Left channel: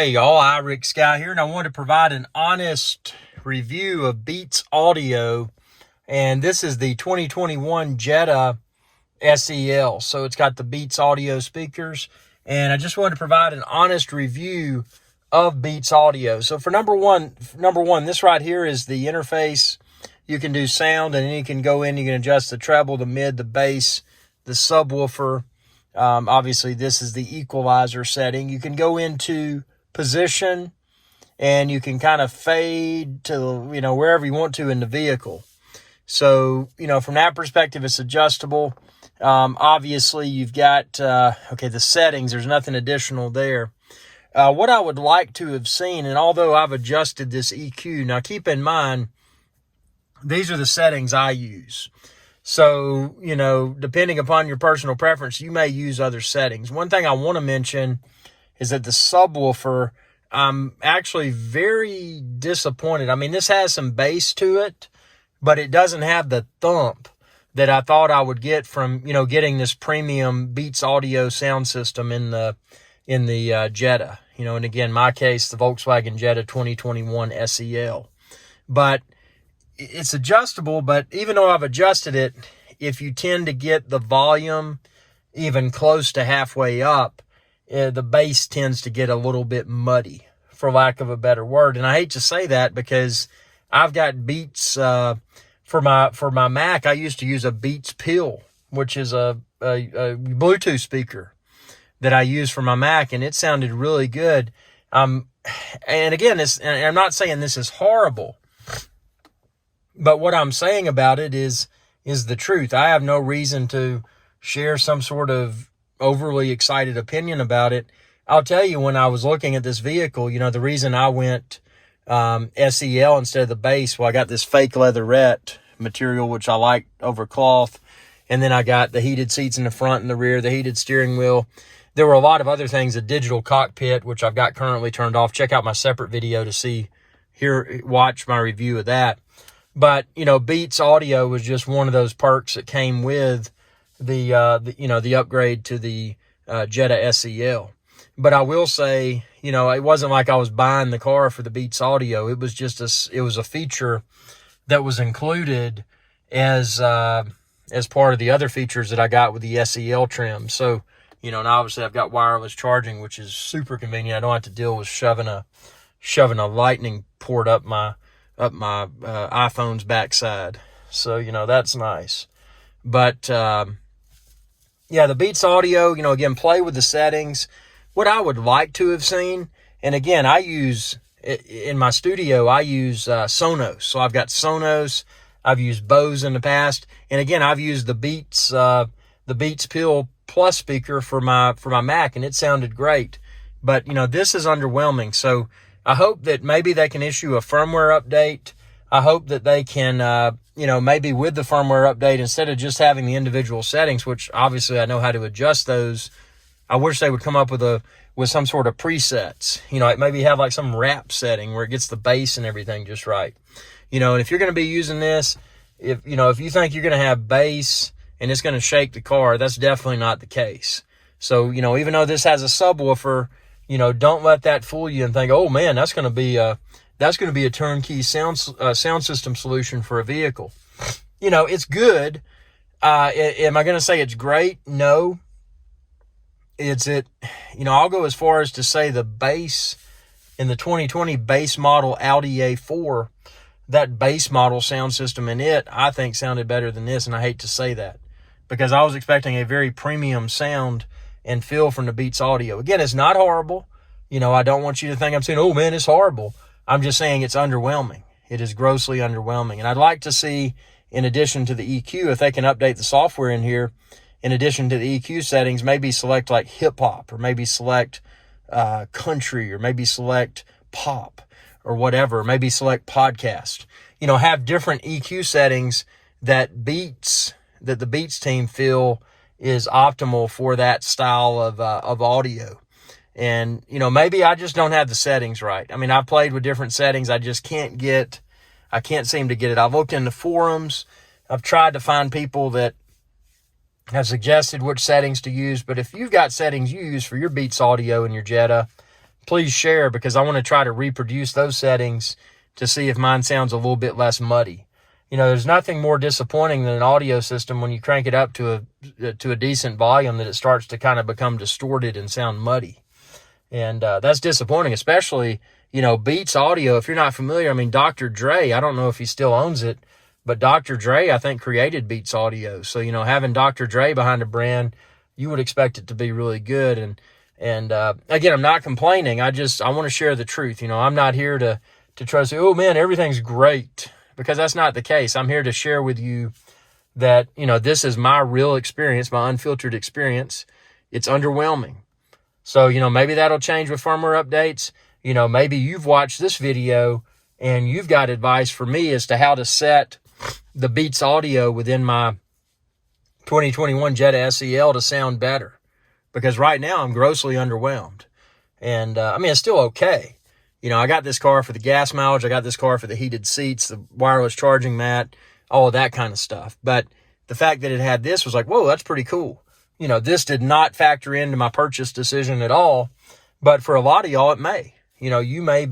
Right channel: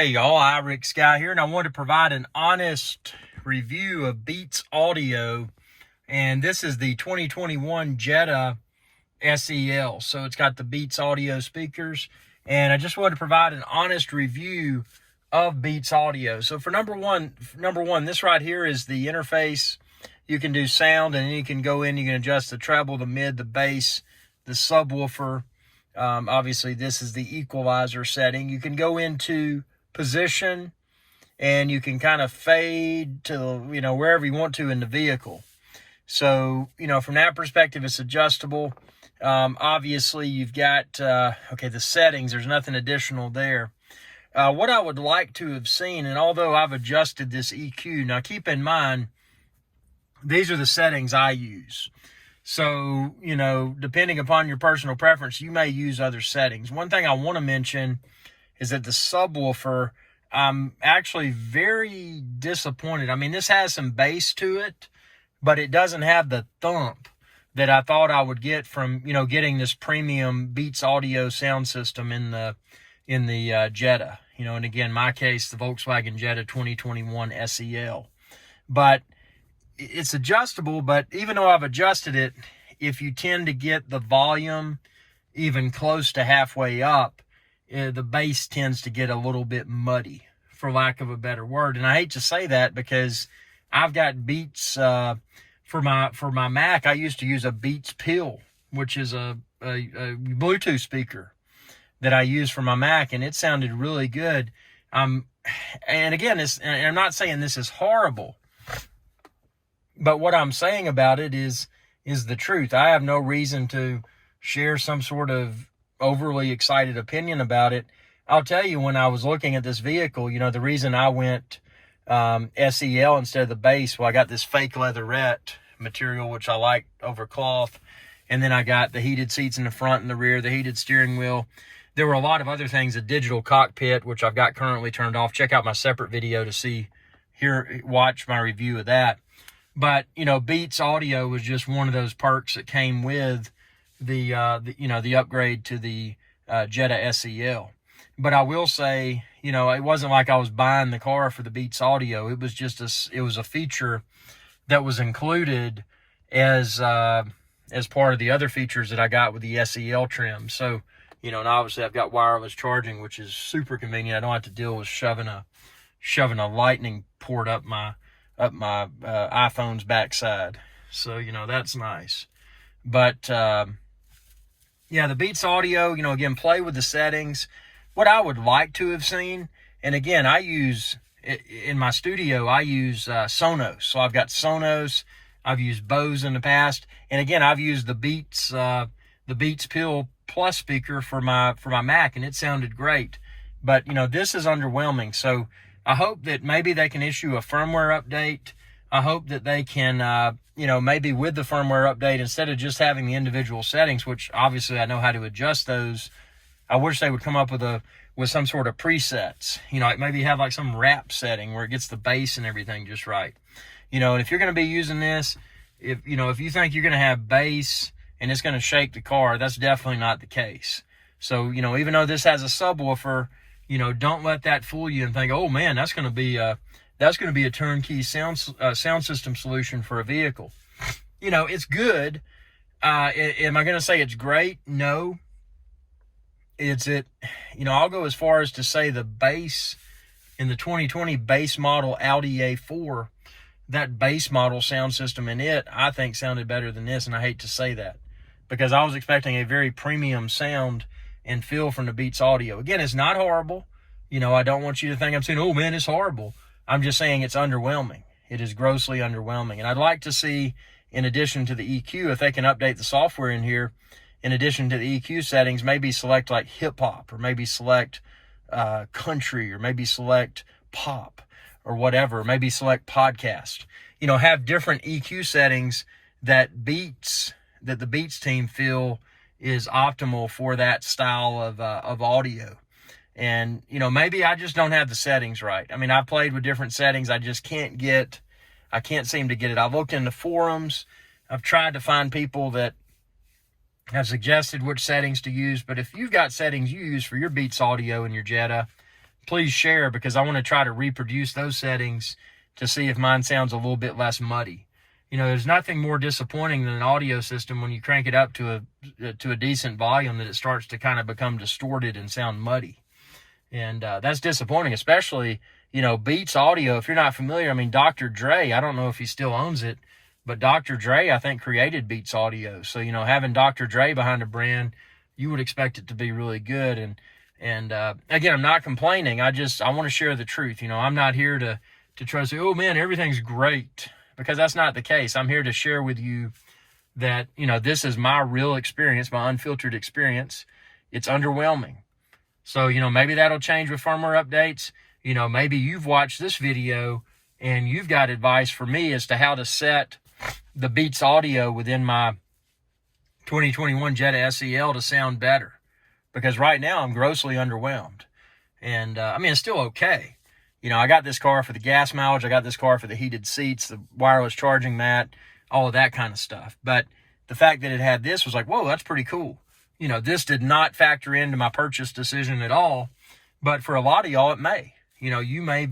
Hey y'all, Rick Sky here, and I wanted to provide an honest review of BeatsAudio, and this is the 2021 Jetta SEL. So it's got the BeatsAudio speakers, and I just wanted to provide an honest review of BeatsAudio. So for number one, this right here is the interface. You can do sound, and then you can go in, you can adjust the treble, the mid, the bass, the subwoofer. Obviously this is the equalizer setting. You can go into position, and you can kind of fade to, wherever you want to in the vehicle. So, from that perspective, it's adjustable. Obviously you've got, the settings, there's nothing additional there. What I would like to have seen, and although I've adjusted this EQ, now keep in mind, these are the settings I use. So, depending upon your personal preference, you may use other settings. One thing I want to mention is that the subwoofer, I'm actually very disappointed. I mean, this has some bass to it, but it doesn't have the thump that I thought I would get from, getting this premium BeatsAudio sound system in the Jetta. And again, my case, the Volkswagen Jetta 2021 SEL. But it's adjustable, but even though I've adjusted it, if you tend to get the volume even close to halfway up, the bass tends to get a little bit muddy, for lack of a better word. And I hate to say that because I've got Beats, for my Mac, I used to use a Beats Pill, which is a Bluetooth speaker that I use for my Mac, and it sounded really good. And again, and I'm not saying this is horrible, but what I'm saying about it is the truth. I have no reason to share some sort of overly excited opinion about it. I'll tell you, when I was looking at this vehicle, the reason I went SEL instead of the base, well, I got this fake leatherette material, which I like over cloth, and then I got the heated seats in the front and the rear, the heated steering wheel. There were a lot of other things, a digital cockpit, which I've got currently turned off. Check out my separate video to watch my review of that. But, BeatsAudio was just one of those perks that came with the upgrade to the Jetta SEL. But I will say, it wasn't like I was buying the car for the BeatsAudio. It was just it was a feature that was included as part of the other features that I got with the SEL trim. So, and obviously I've got wireless charging, which is super convenient. I don't have to deal with shoving a lightning port up my iPhone's backside. So, that's nice. But yeah, the BeatsAudio, again, play with the settings. What I would like to have seen, and again, in my studio, I use Sonos. So I've got Sonos, I've used Bose in the past, and again, I've used the Beats Pill Plus speaker for my Mac, and it sounded great. But, this is underwhelming. So I hope that maybe they can issue a firmware update. I hope that they can, maybe with the firmware update, instead of just having the individual settings, which obviously I know how to adjust those, I wish they would come up with some sort of presets. Like maybe have like some wrap setting where it gets the bass and everything just right. And if you're going to be using this, if you think you're going to have bass and it's going to shake the car, that's definitely not the case. So, even though this has a subwoofer, don't let that fool you and think, oh man, that's going to be a turnkey sound system solution for a vehicle. It's good. Am I going to say it's great? No. I'll go as far as to say the bass in the 2020 base model Audi A4, that base model sound system in it, I think sounded better than this. And I hate to say that because I was expecting a very premium sound and feel from the BeatsAudio. Again, it's not horrible. I don't want you to think I'm saying, oh man, it's horrible. I'm just saying it's underwhelming. It is grossly underwhelming. And I'd like to see, in addition to the EQ, if they can update the software in here, in addition to the EQ settings, maybe select like hip hop, or maybe select country, or maybe select pop or whatever, maybe select podcast, have different EQ settings that the Beats team feel is optimal for that style of audio. And, maybe I just don't have the settings right. I mean, I've played with different settings. I just can't seem to get it. I've looked in the forums. I've tried to find people that have suggested which settings to use. But if you've got settings you use for your BeatsAudio and your Jetta, please share, because I want to try to reproduce those settings to see if mine sounds a little bit less muddy. You know, there's nothing more disappointing than an audio system when you crank it up to a decent volume that it starts to kind of become distorted and sound muddy. And that's disappointing, especially, you know, BeatsAudio. If you're not familiar, I mean, Dr. Dre, I don't know if he still owns it, but Dr. Dre, I think, created BeatsAudio. So, you know, having Dr. Dre behind a brand, you would expect it to be really good. And again, I'm not complaining. I want to share the truth. You know, I'm not here to try to say, oh man, everything's great, because that's not the case. I'm here to share with you that, you know, this is my real experience, my unfiltered experience. It's underwhelming. So, you know, maybe that'll change with firmware updates. You know, maybe you've watched this video and you've got advice for me as to how to set the BeatsAudio within my 2021 Jetta SEL to sound better. Because right now I'm grossly underwhelmed. And, I mean, it's still okay. You know, I got this car for the gas mileage. I got this car for the heated seats, the wireless charging mat, all of that kind of stuff. But the fact that it had this was like, whoa, that's pretty cool. You know, this did not factor into my purchase decision at all. But for a lot of y'all, it may. You know, you may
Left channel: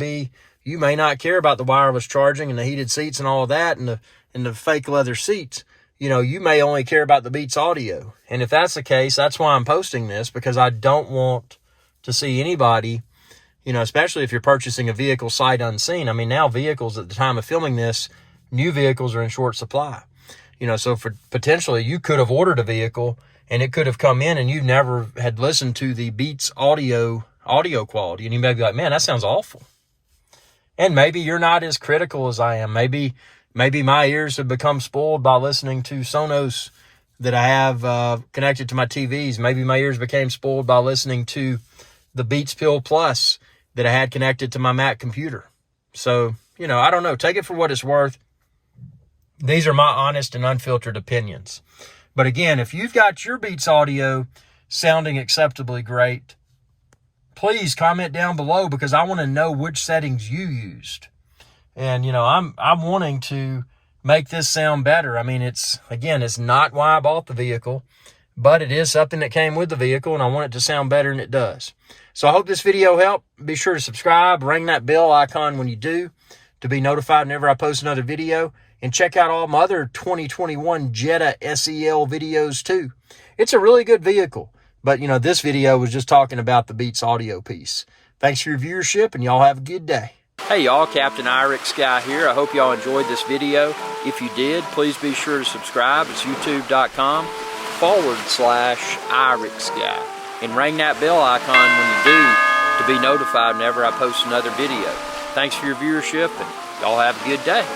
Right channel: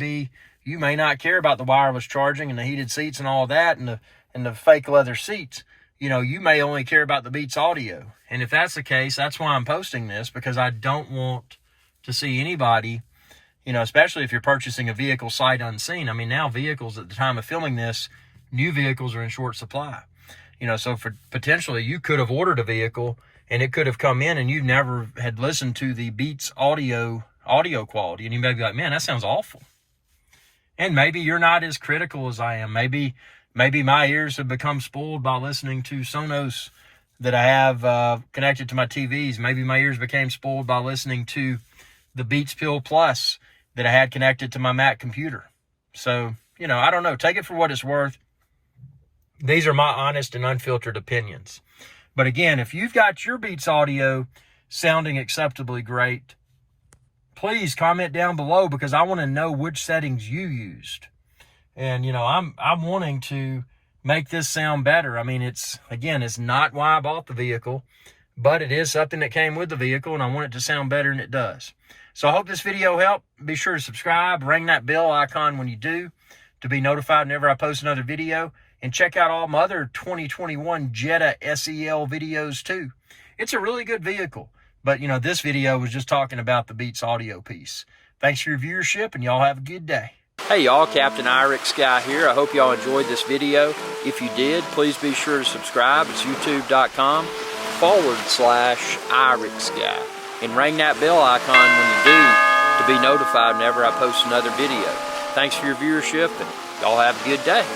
not care about the wireless charging and the heated seats and all of that and the fake leather seats. You know, you may only care about the BeatsAudio. And if that's the case, that's why I'm posting this, because I don't want to see anybody, you know, especially if you're purchasing a vehicle sight unseen. I mean, now vehicles at the time of filming this, new vehicles are in short supply. You know, so for potentially you could have ordered a vehicle and it could have come in and you never had listened to the BeatsAudio audio quality. And you may be like, man, that sounds awful. And maybe you're not as critical as I am. Maybe my ears have become spoiled by listening to Sonos that I have connected to my TVs. Maybe my ears became spoiled by listening to the Beats Pill Plus that I had connected to my Mac computer. So, you know, I don't know. Take it for what it's worth. These are my honest and unfiltered opinions. But again, if you've got your BeatsAudio sounding acceptably great, please comment down below, because I want to know which settings you used. And, you know, I'm wanting to make this sound better. I mean, it's not why I bought the vehicle, but it is something that came with the vehicle, and I want it to sound better, and it does. So I hope this video helped. Be sure to subscribe, ring that bell icon when you do to be notified whenever I post another video, and check out all my other 2021 Jetta SEL videos too. It's a really good vehicle, but, you know, this video was just talking about the BeatsAudio piece. Thanks for your viewership, and y'all have a good day. Hey y'all, Captain Irix Guy here. I hope y'all enjoyed this video. If you did, please be sure to subscribe. It's youtube.com/Irix Guy. And ring that bell icon when you do to be notified whenever I post another video. Thanks for your viewership, and y'all have a good day.